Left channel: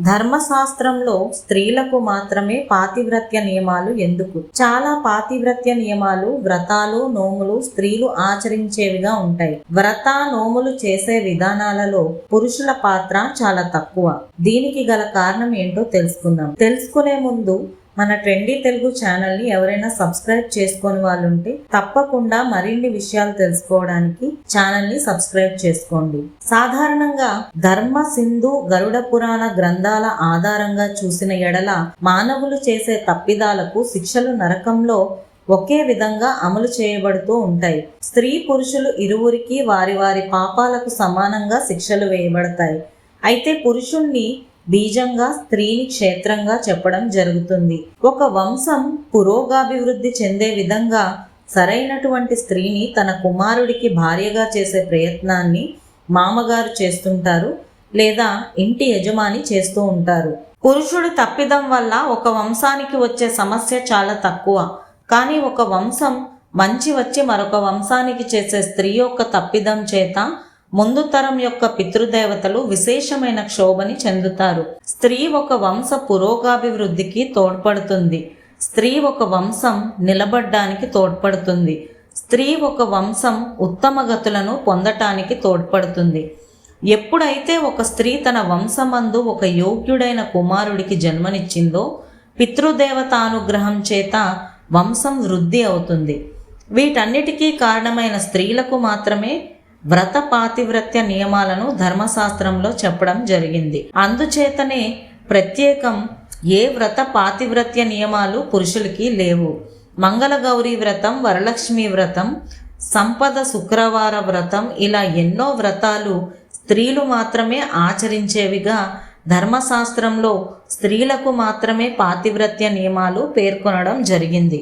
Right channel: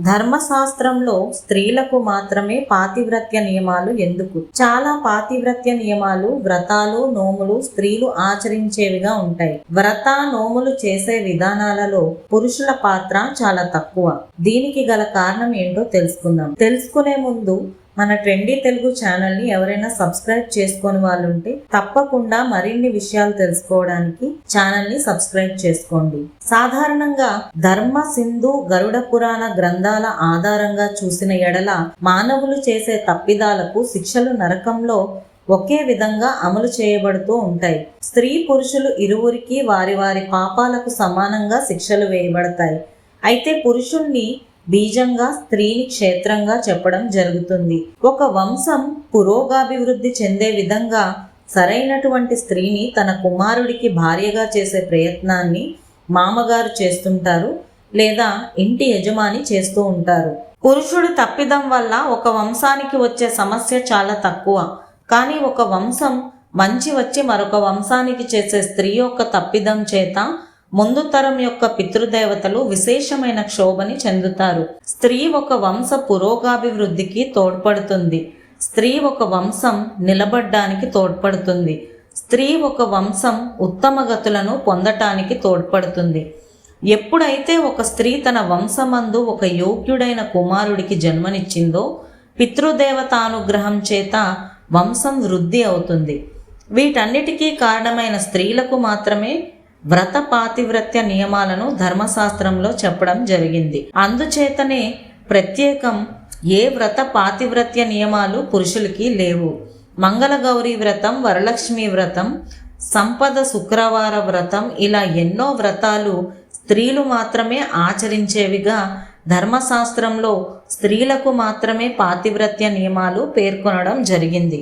ధర్మశాస్త్రంలో స్త్రీలకు మాత్రమే పాతివ్రత్య నియమాలు ఎందుకు? చాలా పాతివ్రత్య నియమాలు, వ్రతాలు, నోములు స్త్రీలు ఆచరించేవిగా ఉంటాయి. వ్రత నోములు చేసే విధానాలలో పురుషుల పాత్ర చాలా తక్కువ. దీనికి గల కారణం ఏంటో తెలుసుకుందాం. తెలుసుకునే ముందు మన ట్రెండీ తెలుగు ఛానల్ ని ఎవరైనా సబ్స్క్రైబ్ చేసుకొని వాళ్ళు ఉంటే తప్పకుండా మరిన్ని విషయాలు తెలుసుకోవడానికి ఛానల్ ని సబ్స్క్రైబ్ చేసుకోండి. సాధారణంగా ధర్మ సింధు గరుడ పురాణ గ్రంథాల ఆధారంగా చూసిన ఎడల మానవులు చేసే తప్పిదాలకు శిక్షలు నరకంలో ఒకే విధంగా అమలు చేయబడుతూ ఉంటాయి. స్త్రీ పురుషులు ఇరువురికి వారి వారి పాపాలకు సమానంగా శిక్షలు వేయబడతాయి. అయితే పురుషుణ్ణి బీజంగా, స్త్రీని క్షేత్రంగా చెప్పడం జరుగుతుంది. ఒక వంశం పురోగాభివృద్ధి చెందే విధంగా సరైనటువంటి స్త్రీని తన కుమారుడికి భార్యగా చేసే ప్రయత్నాన్ని మామగారు చేస్తుంటారు లేదా ఇంటి యజమాని చేస్తూ ఉంటారు. పురుషుడు తప్పిదం వల్ల ఒక వంశానికి వచ్చే సమస్య చాలా తక్కువ. కానీ ఒక వంశం మంచి వచ్చి మరొక వంశానికి చేసే స్త్రీ యొక్క తప్పిదం చేత ముందు తరం యొక్క పితృదేవతలు విశేషమైన క్షోభని చెందుతారు. స్త్రీ ఒక వంశ పురోగాభివృద్ధికి తోడ్పడుతుంది. స్త్రీ ఒక వంశం నిలబడ్డానికి తోడ్పడుతుంది. స్త్రీ ఒక వంశం ఉత్తమ గతులను పొందటానికి తోడ్పడుతుంది. ఎప్పుడైతే ఒక స్త్రీ తన వంశమందు ఒక యోగ్యుడైన కుమారుడికి జన్మనిచ్చిందో పితృదేవతానుగ్రహం చేత వంశం వృద్ధి అవుతుంది. వీటన్నిటికీ కారణమైన స్త్రీలకు మాత్రమే వ్రత పాతివ్రత్య నియమాలను ధర్మశాస్త్రంలో చెప్పడం జరిగింది. అందుచేతనే ప్రత్యేకం ఏ వ్రత పాతివ్రత్య నియమాలు పురుషులకి లేవు. మంగళగౌరీ వ్రతం, వరలక్ష్మి వ్రతం, సంపద శుక్రవార వ్రతం, ఇలా ఎన్నో వ్రతాలు స్త్రీలు మాత్రమే ఆచరించేవిగా ధర్మశాస్త్రంలో స్త్రీలకు మాత్రమే పాతివ్రత్య నియమాలు పేర్కొనడం జరిగింది.